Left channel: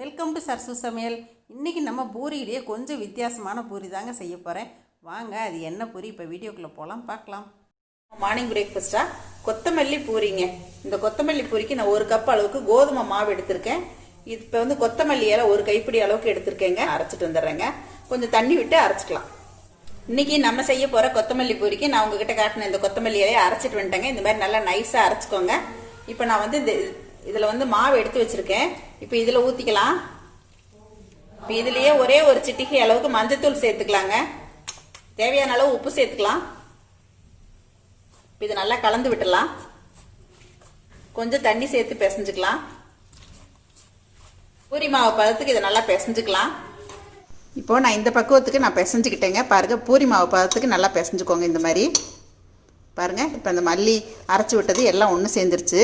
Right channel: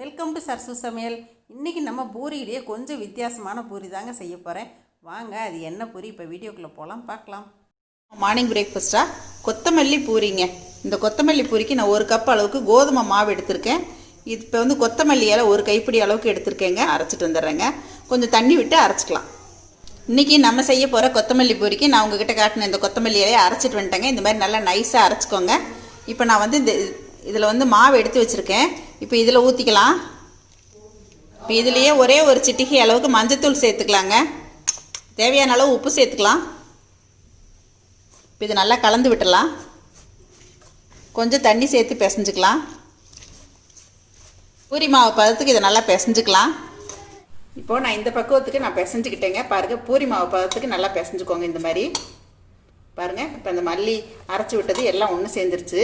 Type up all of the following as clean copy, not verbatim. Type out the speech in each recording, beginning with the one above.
Welcome to சர்சு சமையல். இன்றைக்கி நம்ம பூரியிலேயே கொஞ்சம் வித்தியாசமான பூரி தாங்க செய்ய போகிறேன். வாங்க அது என்ன பூரி இப்போ வீடியோக்குள்ளே போகலாம் பார்க்கலாம். மார்னிங் பிரேக்ஃபாஸ்ட்டாக கொத்தமல்லி பூரிங்க. இந்த கொத்தமல்லி பூரிக்கு நான் 1 கப் அளவுக்கு கோதுமை மாவு எடுத்திருக்கேன். இப்போ கொத்தமல்லி இலை 1 கைப்பிடி அளவுக்கு எடுத்திருக்கேங்க. அரைச்சிட்டு வந்துடுறேங்க. கொஞ்சம் தண்ணி விட்டு அரைச்சிக்கலாம். இன்றைக்கி நம்ம செய்ய போகிற கொத்தமல்லி பூரிக்கு நான் உங்ககிட்ட காட்டின இந்த கொத்தமல்லி இலையை அரைச்சிட்டு வந்துட்டேங்க. இந்த மாதிரி நல்லா நைஸாக அரைச்சிக்கோங்க. இப்போ நான் இதில் மாவு எடுத்து வச்சுருக்கேன். இப்போ இதில் ஊற்றிக்கலாம். இப்போ இதுலேயே ஒரே ஒரு சிட்டிகை அளவுக்கு மஞ்சத்தூள் சேர்த்துக்கலாங்க. தேவையான அளவு உப்பு சேர்த்துக்கலாம். இப்போ இது நல்லா கலந்து விட்டுடலாம். கொஞ்சம் தண்ணி சேர்த்து பிசைஞ்சுக்கலாம். பூரி மாவு பதத்துக்கு இதை நல்லா பிசைஞ்சுக்கலாம். இப்போது நான் இந்த பக்குவத்துக்கு நான் பிசைஞ்சுக்கிட்டேங்க. பாருங்கள், பூரி மாவு பதத்துக்கு நல்லா பிசைஞ்சுக்கோங்க. இந்த மாதிரி பாருங்கள். இப்போ இந்த மல்லி அரைச்சி விட்டது எல்லாம் ஒன்று சேர்ந்துருச்சு.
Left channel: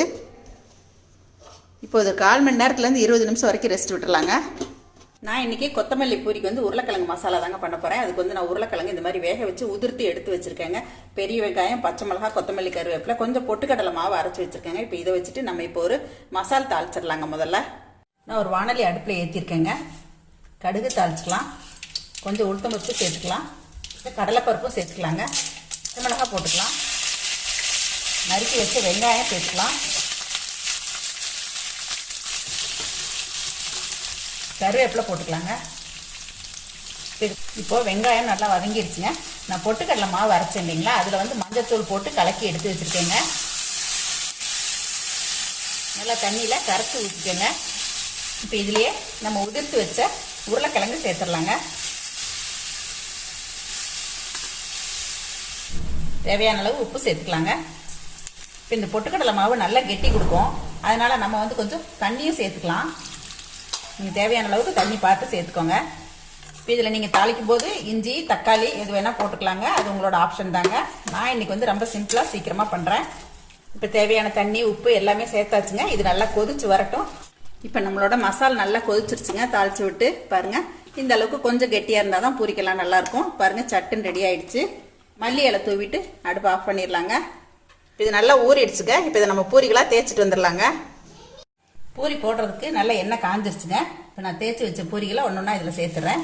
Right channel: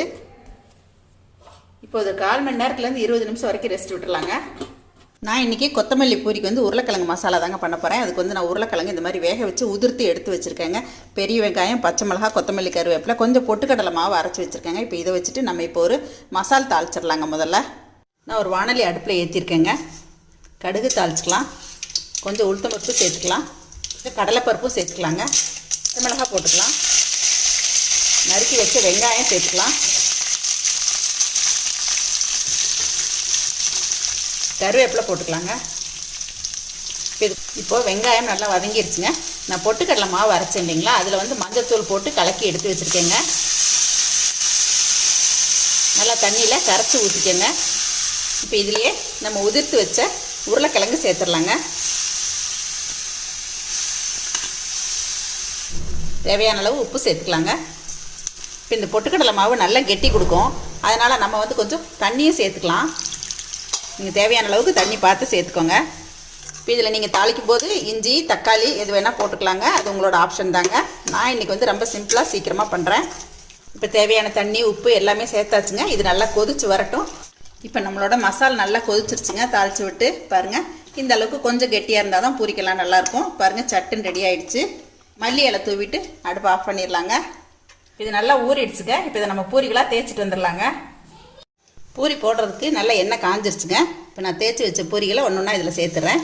இப்போ ஒரு 1/4 மணி நேரத்துலேருந்து 20 நிமிஷம் வரைக்கும் ரெஸ்ட் விட்டுருலாங்க. நான் இன்றைக்கி கொத்தமல்லி பூரிக்கு உருளைக்கிழங்கு மசாலா தாங்க பண்ண போகிறேன். அதுக்கு நான் உருளைக்கிழங்கு இந்த மாதிரி வேக வச்சு உதிர்த்து எடுத்து வச்சுருக்கேங்க. பெரிய வெங்காயம், பச்சை மிளகா, கொத்தமல்லி, கருவேப்பிலை, கொஞ்சம் பொட்டுக்கடலை மாவு அரைச்சி வச்சுருக்கேங்க. இப்போ இதை வச்சுட்டு நம்ம இப்போ ஒரு மசால் தாளிச்சிடலாங்க. முதல்ல நான் ஒரு வானலி அடுப்பில் ஏற்றிருக்கேங்க. கடுகு தாளிச்சிக்கலாம். கொஞ்சம் உளுத்தம்பருப்பு சேர்த்துக்கலாம். கடலைப்பருப்பும் சேர்த்துக்கலாங்க. பச்சை மிளகா போட்டுக்கலாம். நறுக்கி வச்ச வெங்காயம் சேர்த்துக்கலாம். கருவேப்பிலை போட்டுக்கலாங்க. இப்போது வெங்காயம் நல்லா வதங்கிடுச்சுங்க. நான் பொட்டுக்கடலை மாவு அரைச்சேன் இல்லைங்களா, அதில் மஞ்சத்தூள் போட்டு கலக்கி எடுத்து வச்சுருக்கேங்க. நல்லா தண்ணியில் கரைச்சி ஊற்றிக்கங்க. இப்போ இதுலேயே நம்ம உதிர்த்து வச்ச உருளைக்கிழங்கு சேர்த்துடலாங்க. தேவையான அளவு உப்பு சேர்த்துக்கலாங்க. இப்போ இந்த பொட்டுக்கடலை மாவு நல்லா கெட்டி கொடுக்கும். அதனால் நம்ம கொஞ்சம் தண்ணியும் சேர்த்துக்கலாம். நீங்கள் தேவையான அளவுக்கு தண்ணி பார்த்து சேர்த்துக்கோங்க. இப்போ இதில் நீங்கள் தாளிக்கும் போது இஞ்சி, தக்காளி எது வேணால் போட்டுக்கலாங்க. அது உங்களோட ஆப்ஷன் தாங்க. நான் இன்றைக்கி ரொம்ப சிம்பிளாக சீக்கிரமாக பண்ணுறேன். இப்போ தேவையான தண்ணி, உப்பு எல்லாமே சேர்த்தாச்சுங்க. இது நல்லா கொதிச்சு வரட்டும். இப்போ நம்மளோட மசால் நல்லா கொதிச்சிருச்சுங்க. தாளித்து விட்டு பாருங்கள், இந்த அளவுக்கு கொஞ்சம் கெட்டியாக இருந்தால் தான் பூரிக்கெல்லாம் நல்லாயிருக்கும். பாருங்கள், சட்டுன்னு ரெடி ஆகிடுச்சு. மல்லி இலை தூவிட்டு அடுப்பு ஆஃப் பண்ணிடலாங்க. இது நல்லா ஊறிடுச்சுங்க. இப்போ இதை நம்ம பூரிகளாக தேய்ச்சிட்டு வந்துடலாங்க. பூரி போடுறதுக்கு நல்லா எண்ணெய் காஞ்சிருச்சுங்க. இப்போ நான் தேய்ச்சி வச்ச பூரிகளை ஒன்றா இதில் சேர்த்துறேன்.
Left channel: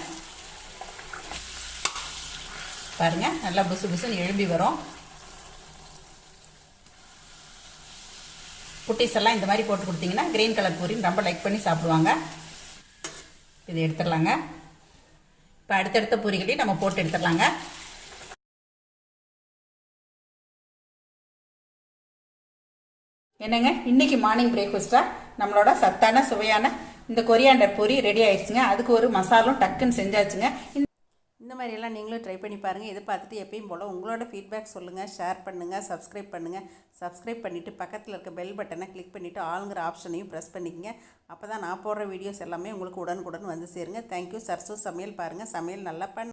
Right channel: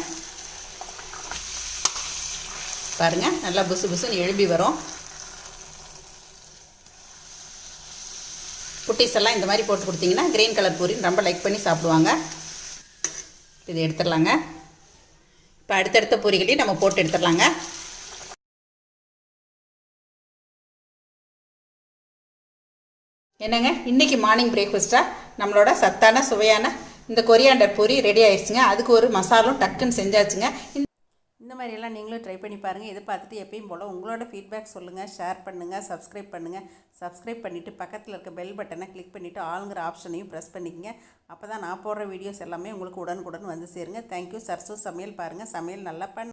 பாருங்கள், நல்லா புசு புசுன்னு எழும்பி வரும். குட்டீஸ் எல்லாம் இந்த மாதிரி போட்டு கொடுத்தீங்கன்னா கிரீன் கலர் பூரி ரொம்ப லைக் பண்ணி சாப்பிடுவாங்க. இதை எடுத்துடலாங்க. இப்போ அடுத்தடுத்த பூரிகளையும் நம்ம போட்டு எடுத்துடலாங்க. என்னங்க, இன்றைக்கி மார்னிங் பிரேக்ஃபாஸ்ட்டாக நம்மளோட சத்தான சுவையான இந்த கொரியாண்டர் பூரி ரெடி ஆயிடுச்சுங்க. அதுக்கு ஒரு மசாலும் டக்குன்னு செஞ்சாச்சுங்க. இந்த மாதிரியெல்லாம் நீங்களும் ட்ரை பண்ணி பாருங்கள். இதை பார்த்துட்டு எப்பயும் போல் உங்களோட ஃபீட்பேக் சொல்லுங்கள், ஷேர் பண்ணுங்கள், சப்ஸ்கிரைப் பண்ணுங்கள். சப்ஸ்கிரைப் பண்ணிவிட்டு பக்கத்தில் இருக்க பெல் பட்டனை கிளிக் பண்ணிவிட்டு ஆளுங்கிற ஆப்ஷனையும் ப்ரெஸ் பண்ணிக்கங்க. அப்போ தான் நான் போடுற வீடியோஸ் எல்லாமே உங்களுக்கு உடனுக்குடன் வந்து சேருங்க. தேங்க்யூ. சர்சு சமையல் பாருங்கள். சமையல் நல்லா